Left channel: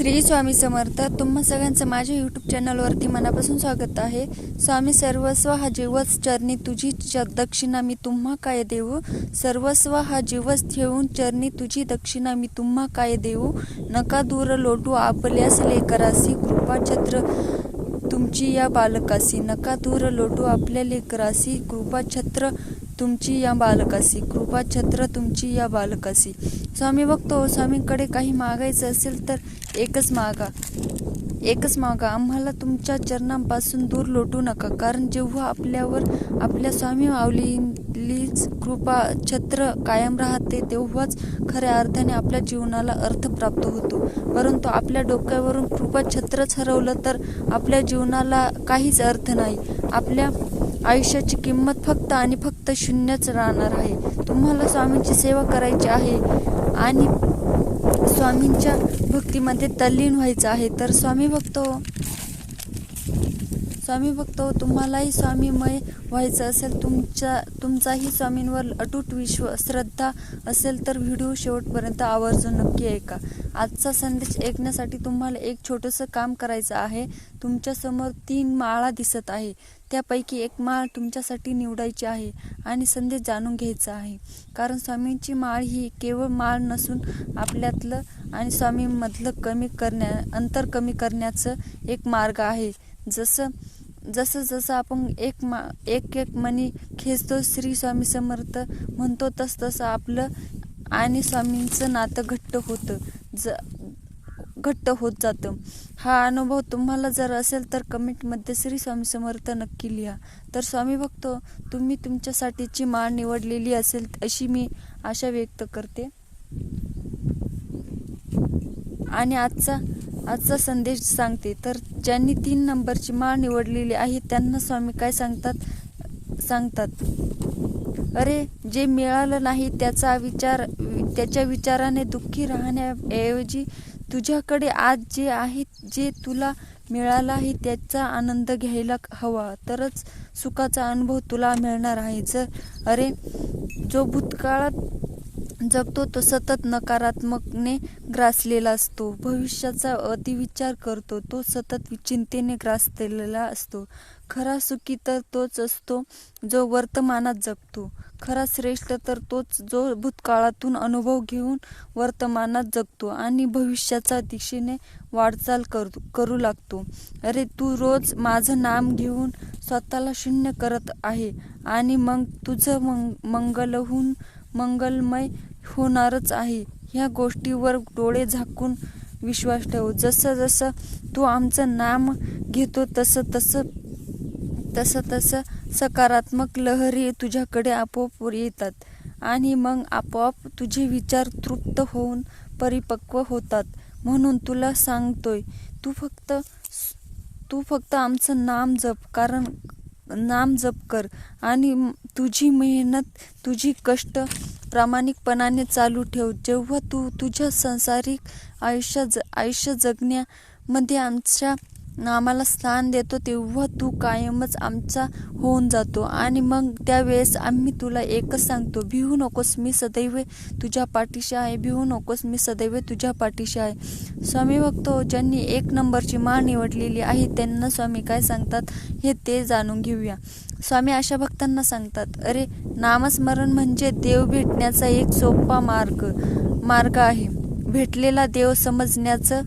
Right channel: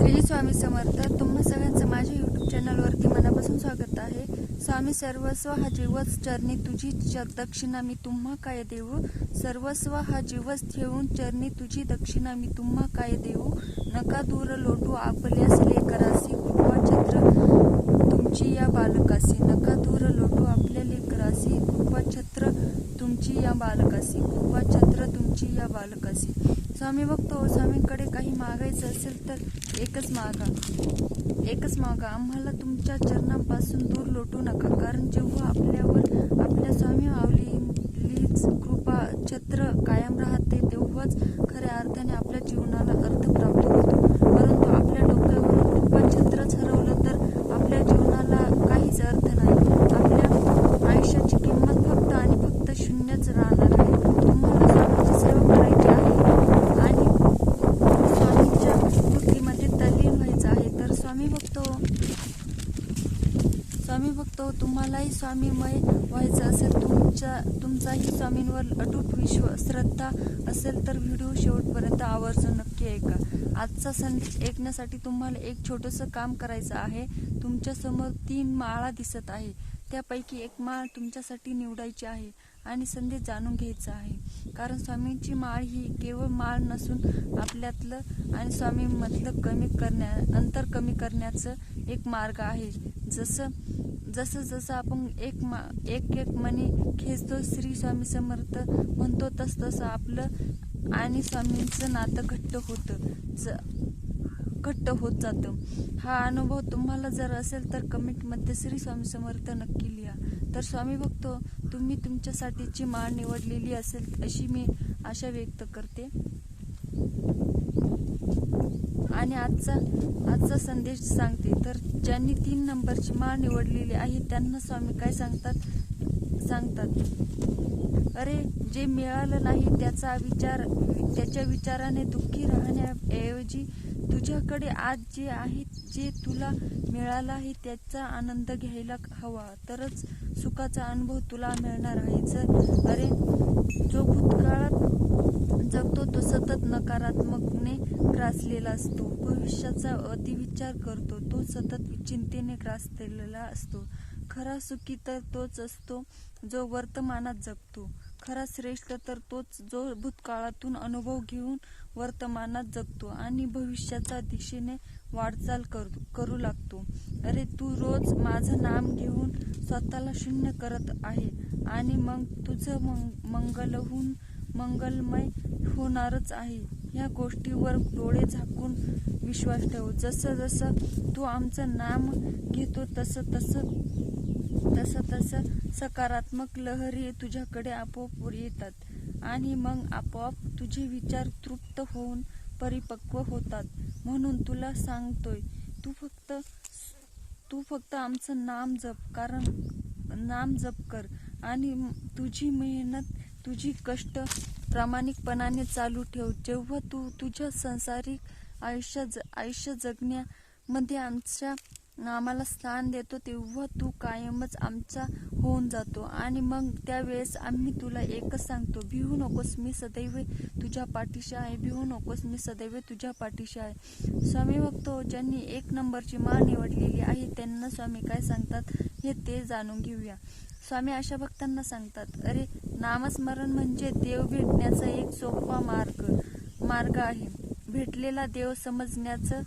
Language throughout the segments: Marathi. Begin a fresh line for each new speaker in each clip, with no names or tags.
श्री स्वामी समर्थ तुम्हा सगळ्यांचं माझ्या यूट्यूब चॅनलवरती मनापासून स्वागत आहे. स्वामी सर्वस्व हा जीवच चरणी तुझी च दक्षिणा मी तुम्हा काय देऊ? सर्वस्व हा जीवच ठेवून चरणी तुझी दक्षिणा मी तुम्हा काय देऊ? नका दूर लोटू आपल्यास लेकरासी कृपाछत्र तुमची या बालकासी. नका दूर लोटू आपल्या लेकरासी कृपाछत्र तुमची या बालकासी कृपाछत्र तुमची या बालकासी स्वामी बघतो स्वामींकडे काही मागायचं असेल तर एकच मागा. एकच मागा. आम्हाला तुमच्या चरणांपासून दूर लोटू नका. कारण जेव्हा आपल्यावर आपल्या स्वामी मावलीच कृपा छत्र कायम राहते तेव्हाच खऱ्या अर्थाने आपल्या जीवनाला अर्थ प्राप्त होतो. परंतु आपल्या डोक्यावरून कृपा छत्रच हरवलं तर आपल्या जीवनाला काहीच अर्थ नाही. आपल्या आयुष्याची किंमत फक्त आणि फक्त शून्यच राहणार आहे. तुम्हाला स्वामींची सेवा करायची आहे आणि स्वामींच्या भक्तीमध्ये तल्लीन व्हायचं आहे तर स्वामी बघतो हो. स्वामी बघतो हो, तुम्हालाही स्वामीमय व्हायचं असेल तुमच्या तुमचाही स्वामींवर अटूट विश्व श्रद्धा असेल तर व्हिडिओ शेवटपर्यंत आवर्जून नक्की ऐका. आजचा संदेश ऐकण्यासाठी तुम्हाला एक छोटंसं काम करायचं आहे. तुमच्यासमोर तीन माळा दिसत आहे. त्यापैकी एक माळ तुमच्यासाठी निवडायची आहे आणि संदेश जाणून घ्यायचा आहे. कारण स्वामींची माळ ही केवळ माळ नसून आपल्यातलं आणि स्वामींमधलं कमी करण्या अंतर कमी करण्याचं एक मार्ग आहे. जसं जसं जसं आपण एक मा एक एक मनी खेचतो श्री स्वामी समर्थ म्हणतो तस तसं आपलं आणि स्वामींचं नातं घट्ट होतं. ज घट्ट होत जातं. हा अनुभव तुम्हाला जर असेल तर कमेंटमध्ये श्री स्वामी समर्थ नक्की लिहा. तर स्वामी बघतो तुम्ही तुमच्यासाठीची माळ निवडलेली असेल अशी मी आशा व्यक्त करते. आणि आजचा आजचा संदेश सांगते. तर ज्यांनी तीन नंबरची माळ निवडलेली आहे त्यांना स्वामी काय सांगतात? सांगतात अरे जे मिळालं नाही त्याचा विचार त्याच्या विचाराने दुःखी राहण्याऐवजी तुझ्याकडे आज जे आहे जे तुला मिळालं आहे त्याचा आनंद घ्यायला हवा. तरच सुखाचा अनुभव तुला मिळणार आहे. जर अरे जो भूतकाळात जगतो तो सतत नकारात्मकने ग्रासलेला असतो. भविष्याचा अतिविचार करतो तो सतत चिंतेने ग्रासलेला असतो. खरा सुखी तर तोच असतो जो वर्तमानात जगतो. खरा श्रेष्ठ तर तोच जो भूतकाळातून अनुभव घेऊन वर्तमानात जगतो आणि भविष्याच्या दिशेने वाटचाल कर करू लागतो. अरे तू रोज माझं नाम घेऊन स्वतःला शून्य करत आहे आणि मग तुझं मंग मंगलहून मंगलमय होणारच आहे. ह्या गोष्टीवर डोळे झाकून विश्वास ठेव. जसं जसं तू आमचं नाम घेतो तसं तसं तसं तसं सकारात्मक लहरी तुझ्याकडे आपोआप येतात आणि मग आपोआप तुझे विचार तृप्त होऊन परिपक्व होतात. म्हणून तुला सांगतोय तू फक्त तू फक्त आमचं नाम जप कारण नाम जप कर आणि तुझी मेहनत तुझी कष्ट प्रामाणिकपणाने चालू ठेव. जेव्हा तू तुझ्या संसारिक आयुष्य ज आयुष्य जगण्यामध्ये आमच्या आम्हाला स्थान देतो तेव्हा तू कायमच आमचा होऊन जातो. आणि मग त्यावेळेस आम्ही तुला एकच सांगतो भिवू नकोस मी सदैव तुझ्या पाठीशी आहे. भिवू नकोस मी सदैव तुझ्या पाठीशी आहे. स्वामी बघतो ज्यांनी एक नंबरची माळ निवडलेली आहे त्यांना स्वामी काय सांगतात हे ते जाणून घेऊया. स्वामी अशा भक्तांना सांगतात अरे नामस्मरण म्हणजे देव भेटण्याचा एक सोपा मार्ग मार्ग आहे. भेटलेला देव समजण्याचं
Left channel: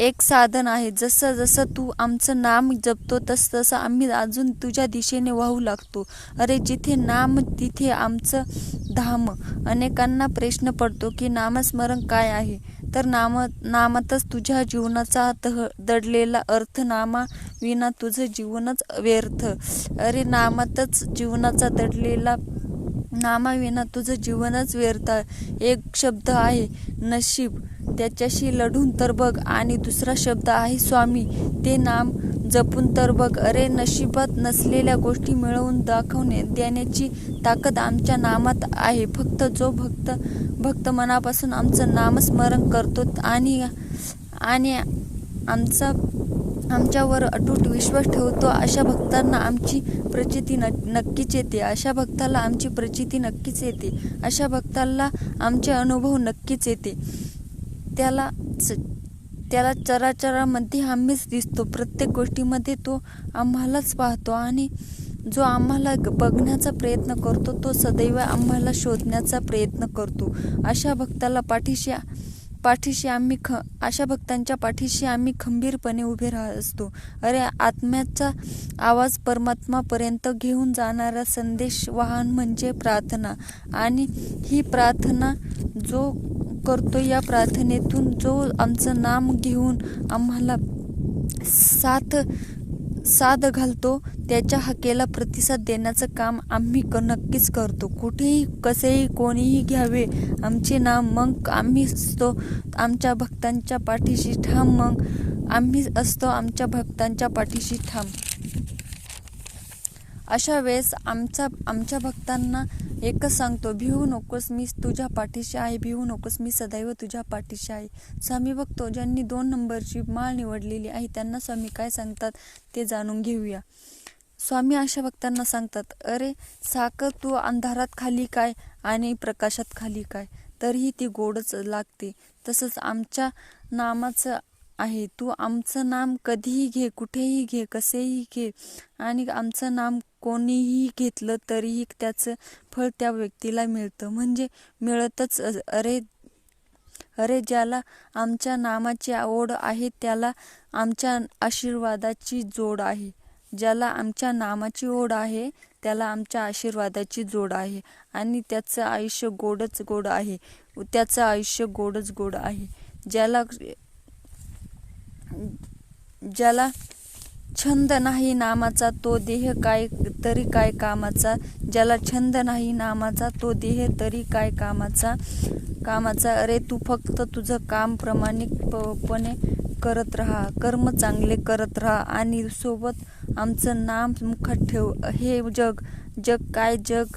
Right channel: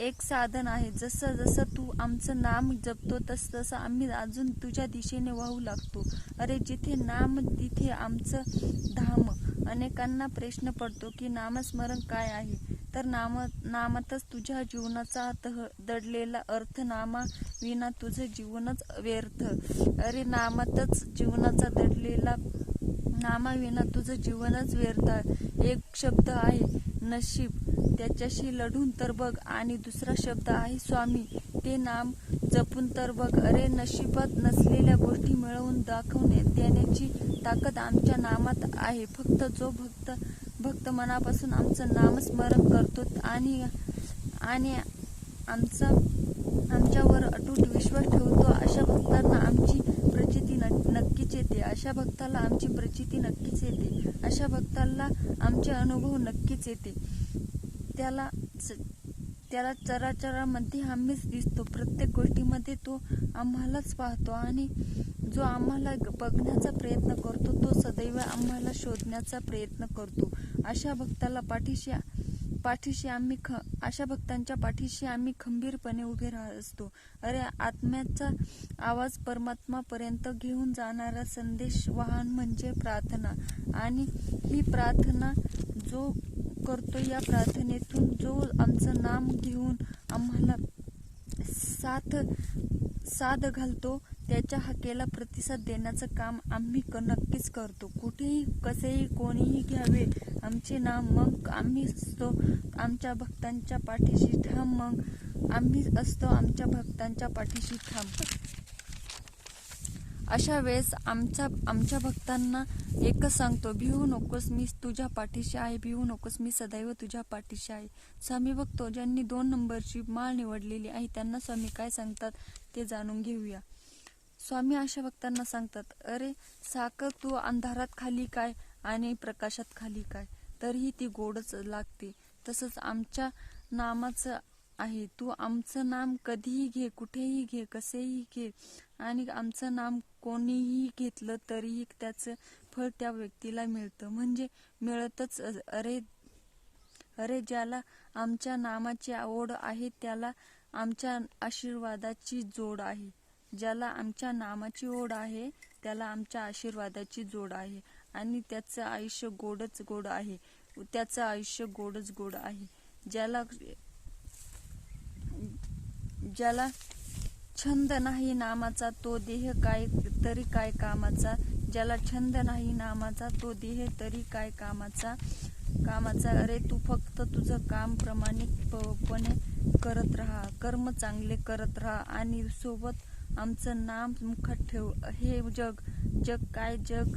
एक साधन आहे. जसं जसं तू आमचं नाम जपतो तस तसं आम्ही अजून तुझ्या दिशेने वाहू लागतो. अरे जिथे नाम तिथे आमचं धाम. अनेकांना प्रश्न पडतो की नामस्मरण काय आहे? तर नाम नामातच तुझ्या जीवनाचा तह दडलेला अर्थ नामा विना तुझं जीवनच व्यर्थ. अरे नामातच जीवनाचा दडलेला नामाविना तुझं जीवनच व्यर्थ. एक शब्द आहे नशीब. त्याच्याशी लढून तर बघ. आणि दुसरा शब्द आहे स्वामी ते नाम जपून तर बघ. अरे नशिबात नसलेल्या गोष्टी मिळवून दाखवणे देण्याची ताकद आमच्या नामात आहे. फक्त जो भक्त भक्त मनापासून आमचं नामस्मरण करतो आणि आणि आमचा आमच्यावर अटूट विश्वास ठेवतो अशा भक्तांना आमची प्रचिती न नक्कीच येते. अशा भक्ताला आमची प्रचिती नक्कीच येते. अशा भक्ताला आमचे अनुभव नक्कीच येते. त्याला च त्याला चराचरामध्ये आम्हीच दिसतो. प्रत्येक गोष्टीमध्ये तो आम्हालाच पाहतो आणि जो आम्हाला बघण्याचा प्रयत्न करतो तो सदैव आम्हाला शोधण्याचा प्रयत्न करतो. अशा भक्ताला पाठीशी पाठीशी आम्ही ख अशा भक्तांच्या पाठीशी आम्ही खंबीरपणे उभे राहत असतो. अरे आत्म्याचा आवाज परमात्मापर्यंत घेऊन जाणारा संदेश वाहन म्हणजे प्रार्थना. आणि ही प्रार्थना जो करतो या प्रार्थनेतून. जो आमचं नाम घेऊन आम्हाला साथ साथ घालतो त्याच्या हकेला प्रतिसाद देण्याचं काम आम्ही क नक्कीच करतो. कुठेही कसेही कोणीही घ्यावे आमचे नाम मग आम्ही असतो. आमच्या भक्तांच्या पाठीशी ठाम मग आम्ही असतो आमच्या भक्तांच्या पाठीशी ठाम. अशा वेळेस आमचा आमच्या भक्तांना एकच सांगतो भिवू नकोस मी तुझ्या पाठीशी आहे भिवू नकोस मी सदैव तुझ्या पाठीशी आहे. स्वामी बघतो ज्यांनी दोन नंबरची माळ निवडलेली आहे त्यांना स्वामी काय सांगतात ते जाणून घेऊया. स्वामी अशा भक्तांना सांगतात अरे साखर तू अंधारात खाली काय आणि प्रकाशात खाली काय? तरीही ती गोडच लागते. तसंच आमच्या नामाचं आहे. तू आमचं नाम कधीही घे कुठेही घे कसेही घे आणि आमचं नाम कोणीही घेतलं तरीही त्याचं फळ त्या व्यक्तीला मिळतं. म्हणजे मिळतच अरे अरे ज्याला आमच्या नामाची ओढ आहे त्याला आमच्या आशीर्वादाची जोड आहे. ज्याला आमच्या नामाची ओढ आहे त्याला आमच्या आशीर्वादाची जोड आहे. आणि त्याचं आयुष्य गोडच गोड आहे. त्याचं आयुष्य गोडच गोड आहे. ज्याला ज्याला छंद नाही नामाचा तो देह काय तरी काय कामाचा? ज्याला छंद नाही नामाचा तो देह तरी काय कामाचा? कामाचा? अरे तू फक्त तुझं काम प्रामाणिकपणे करत राहा. कर्म चांगले करत राहा आणि सोबत आमचं नाम मुखात ठेव. हे जग जग काय जग?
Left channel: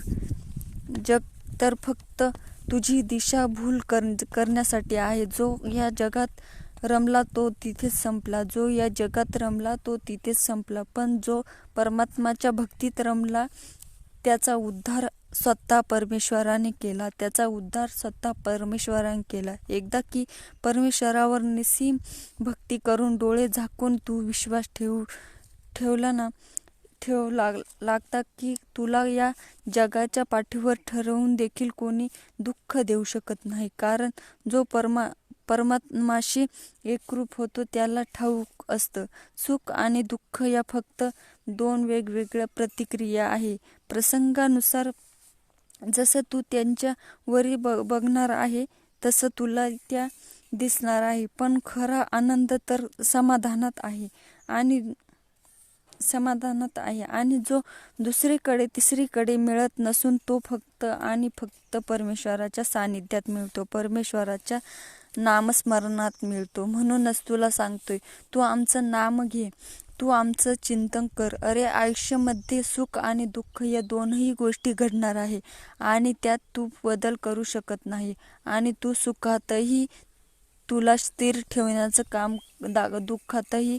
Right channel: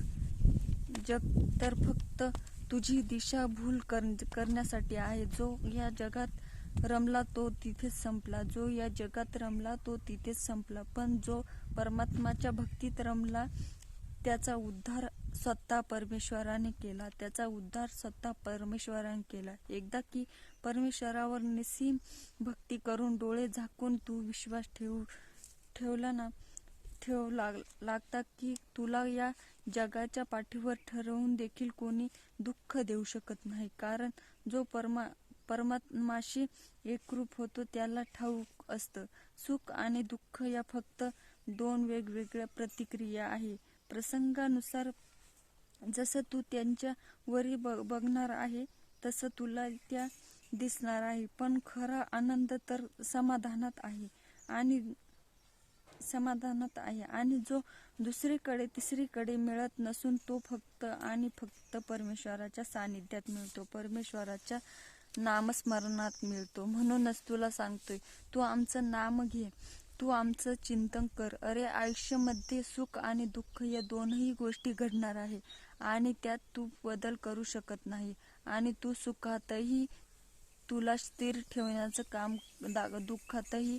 जग तर फक्त तुझी दिशा भूल कर करण्यासाठी आहे. जो या जगात रमला तो तिथेच संपला. जो या जगात रमला तो तिथेच संपला. पण जो परमात्माच्या भक्तीत रमला त्याचा उद्धार स्वतः परमेश्वराने केला. त्याचा उद्धार स्वतः परमेश्वराने केला. एकदा की परमेश्वरावर निसीम भक्ती करून डोळे झाकून तू विश्वास ठेवू ठेवला ना ठेव लाग लागता की तुला या जगाच्या पाठीवर ठरवून देखील कोणी दुःख देऊ शकत नाही. कारण जो परमा परमात्माशी एकरूप होतो त्याला ठाऊक असतं. सुख आणि दुःख या फक्त दोन वेगवेगळ्या प्रतिक्रिया आहे. प्रसंगानुसार जसं तू त्यांच्या वरी ब बघणार आहे तसं तुला त्या दिसणार आहे. पण खरा आनंद तर समाधानात आहे आणि समाधानात आहे आणि जो दुसरीकडे तिसरीकडे मिळत नसून तो फक्त आणि फक्त परमेश्वराच्या सानिध्यात मिळतो. परमेश्वराच्या नामस्मरणात मिळतो. म्हणूनच तुला सांगतोय तू आमचं नाम घे. तू आमचं चिंतन कर. अरे आयुष्यामध्ये सुख आणि दुःख या दोनही गोष्टी घडणार आहे आणि त्यात तू बदल करू शकत नाही. आणि तू सुखातही तुला स्थिर ठेवण्याचं काम दा दुःखातही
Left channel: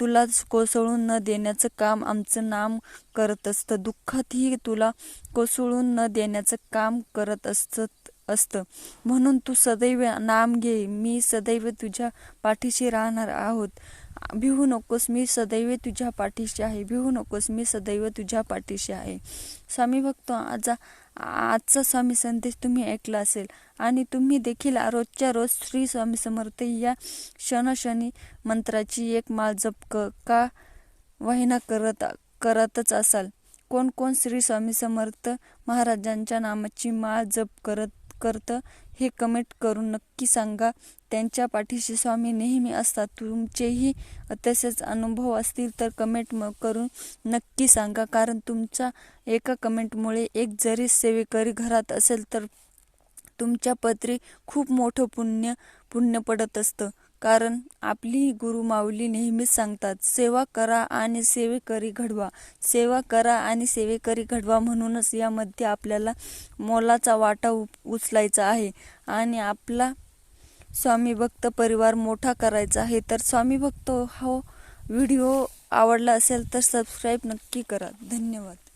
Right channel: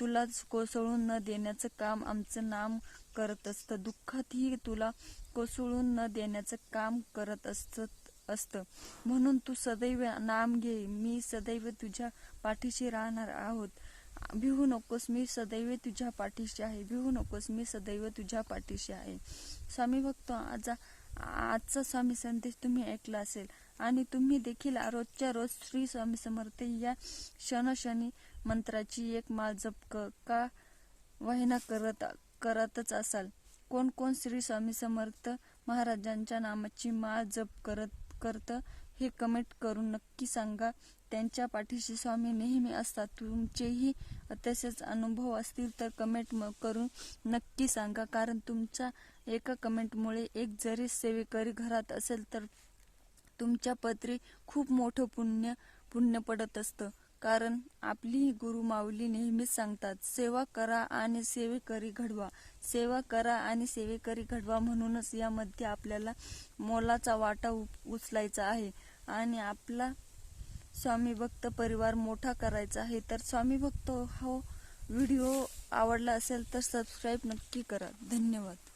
तुला कोसळून न देण्याचं काम आमचं नाम करत असतं. दुःखातही तुला कोसळून न देण्याचं काम करत असतं. असतं. म्हणून तू सदैव नाम घे. मी सदैव तुझ्या पाठीशी राहणार आहोत. भिवू नकोस. मी सदैव तुझ्या पाठीशी आहे. भिवू नकोस. मी सदैव तुझ्या पाठीशी आहे. स्वामी भक्त आज आजचा स्वामी संदेश तुम्ही ऐकला असेल आणि तुम्ही देखील रोजच्या रोज श्री स्वामी समर्थ या क्षणक्षणी मंत्राची एक माळ जप क का वहिना करत करतच असाल. कोण कोण श्री स्वामी समर्थ महाराजांच्या नामाची माळ जप करत करतं हे कमेंट करून नक्की सांगा. त्यांच्या पाठीशी स्वामी नेहमी असतात. तुमचेही तसेच अनुभव असतील तर कमेंट म करून नक्की सांगा. कारण तुमच्या एका कमेंटमुळे एक जरी सेवेकरी घरात असेल तर तुमच्या पत्री खूप मोठं पुण्य पुण्य पडत असतं. कारण आपली गुरु माऊली नेहमीच सांगतात सेवा करा आणि सेवेकरी घडवा. सेवा करा आणि सेवेकरी घडवा म्हणूनच यामध्ये आपल्याला मोलाचा वाटा उ उचलायचा आहे आणि आपला स्वामी भक्त परिवार मोठा करायचा आहे. तर स्वामी भक्त हा व्हिडिओ आवडला असेल तर सबस्क्राईब नक्की करा. धन्यवाद.